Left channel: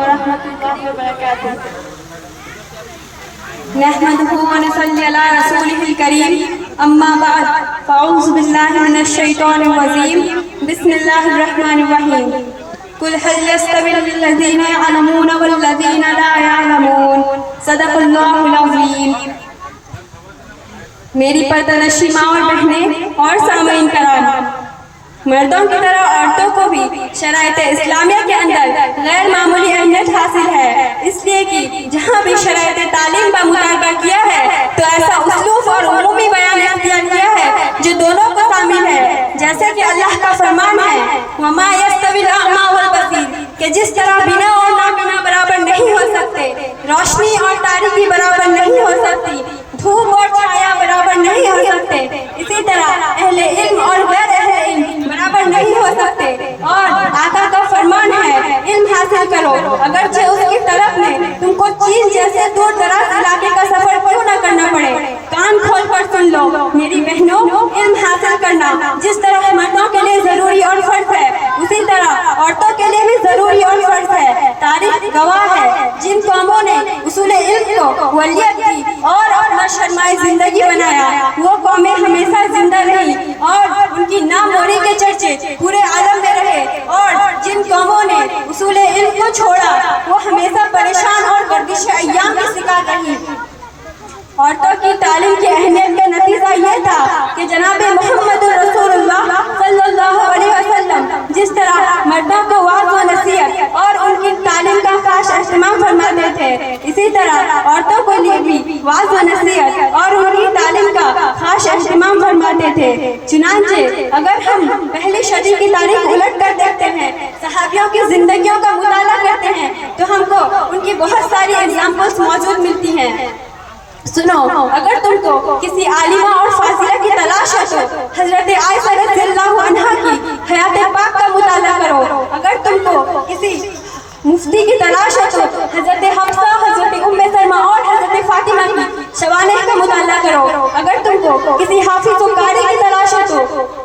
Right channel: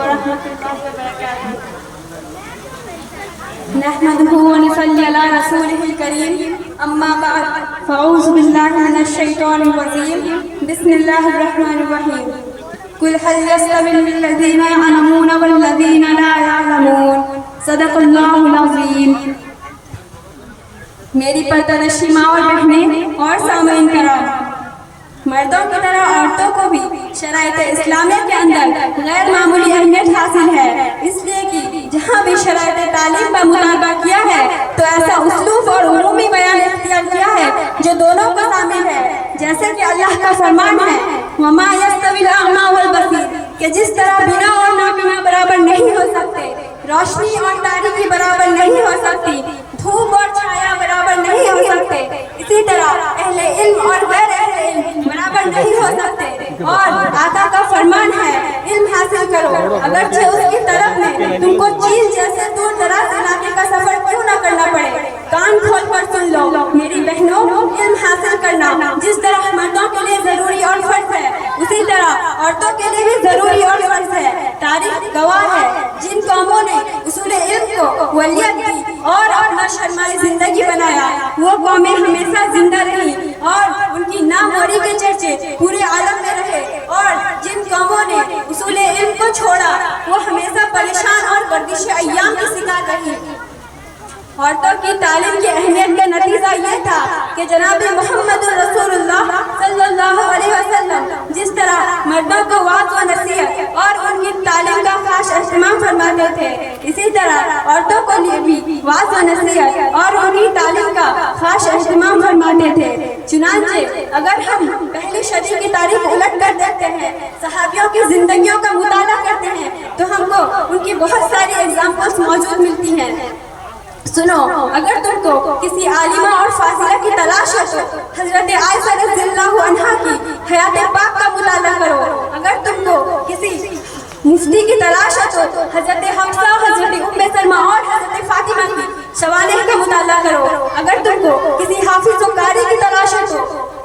वरहमतुल्लाहि वबरकातुहू। नहमदुहु व नसल्ली अला रसूलिहिल करीम, अम्मा बाद, फ़अऊज़ु बिल्लाहि मिनश शैतानिर रजीम, बिस्मिल्लाहिर रहमानिर रहीम। कुल हल यस्तविल लज़ीना यअलमून वल्लज़ीना ला यअलमून, सदक़ल्लाहुल अज़ीम। मेरी पर्दानशी माँ और बहनें और सामईन कराम, मर्दों की तरह औरतों को भी शराइत इस्लामिया के अंदर गैर मामूली अहमियत हासिल है, इसलिए कि जहाँ भी शराइत तालीम का मुतालबा किया है तो ऐसा उसलूब और उमूमी बयान इख्तियार किया है जो दोनों को शामिल है। जैसे कि अल्लाह का फरमान है, वमा यस्तविल अअमा वल बसीर, कि जिस तरह बिना और नाबिना बराबर नहीं हो सकते, रोशनी और तारीकी बराबर नहीं हो सकती, धूप और छाया बराबर नहीं हो सकते, इसी तरह अहले इल्म और गैर अहले इल्म बराबर नहीं हो सकते। और आका का फरमान है, इल्म हासिल करो अगरचे उसकी तरफ में तुमको चीन जैसे दूर दराज इलाके का सफर क्यों न करना पड़े। कान खोल कर सुन लो मेरी बहनों, इल्म हासिल करना जिस तरह मर्दों के लिए जरूरी और फर्ज है, उसी तरह औरतों के लिए भी जरूरी और फर्ज है। तारीख गवाह है, जिन कौमों ने उसूल इल्म को वलियत दी और अपना शर्माए जिंदगी बनाया, वो कौमें हमेशा जिंदा रही और उनकी नामोरी के चर्चे पूरे आलम में रहे। और जिन कौमों ने उसूल इल्म को छोड़ा, वो हमेशा परेशान और गर्दिश अय्याम की शिकार रही। औरतों की तालीम की अहमियत का नतीजा ये था कि जनाब मोहम्मद रसूलुल्लाह सल्लल्लाहु अलैहि वसल्लम जिस तरह मर्दों को वाज़ व नसीहत और उनकी तालीम का खास एहतमाम फरमाते थे, इसी तरह औरतों को भी वाज़ व नसीहत और उनकी तालीम का खास एहतमाम फरमाते थे। चुनांचे अगर हम पहली सदी की तारीख उलट कर देखते हैं, सहाबियों की जिंदगियों का मुताला करते हैं, तो हमको उनकी बहुत सारी एग्जाम्पल्स मौजूद मिलती हैं। सुनो, अगर तुमको किसी आलिमा और फासिला की तलाश है तो हजरत आयशा रज़ियल्लाहु अन्हा की हयात पाक का मुताला करो। अगर तुमको किसी मुफ्ती की तलाश है तो हजरत हफ्सा, हजरत उम्मे सलमा और हजरत फातिमा की शवानिह का मुताला करो। अगर तुमको किसी हाफिज कारी की तलाश है तो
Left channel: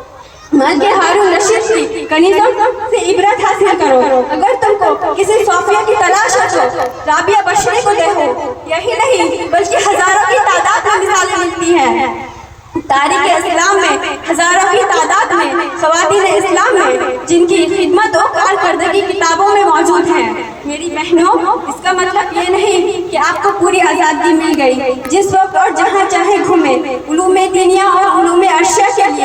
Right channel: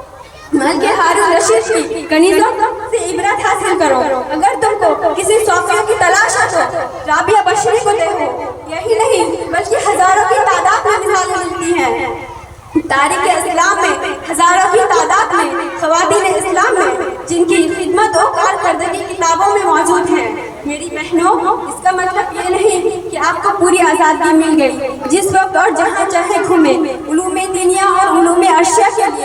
मलिक हारून रशीद की कनीज़ों से इबरत हासिल करो। अगर तुमको किसी सोफिया की तलाश है तो राबिया बशरी को देखो। यही नहीं बल्कि हजारों की तादाद में मिसालें मिलती हैं तारीख़ इस्लाम में, हजारों की तादाद में ख़वातीन इस्लाम में जिनकी खिदमत और कारकर्दगी किताबों में मौजूद है। मेरी बहनों, इसका मतलब ये नहीं कि आपको पूरी आज़ादी मिल गई, जिस वक्त और जहाँ चाहे घूमे, उलूम दीनिया और उलूम अर्शिया के लिए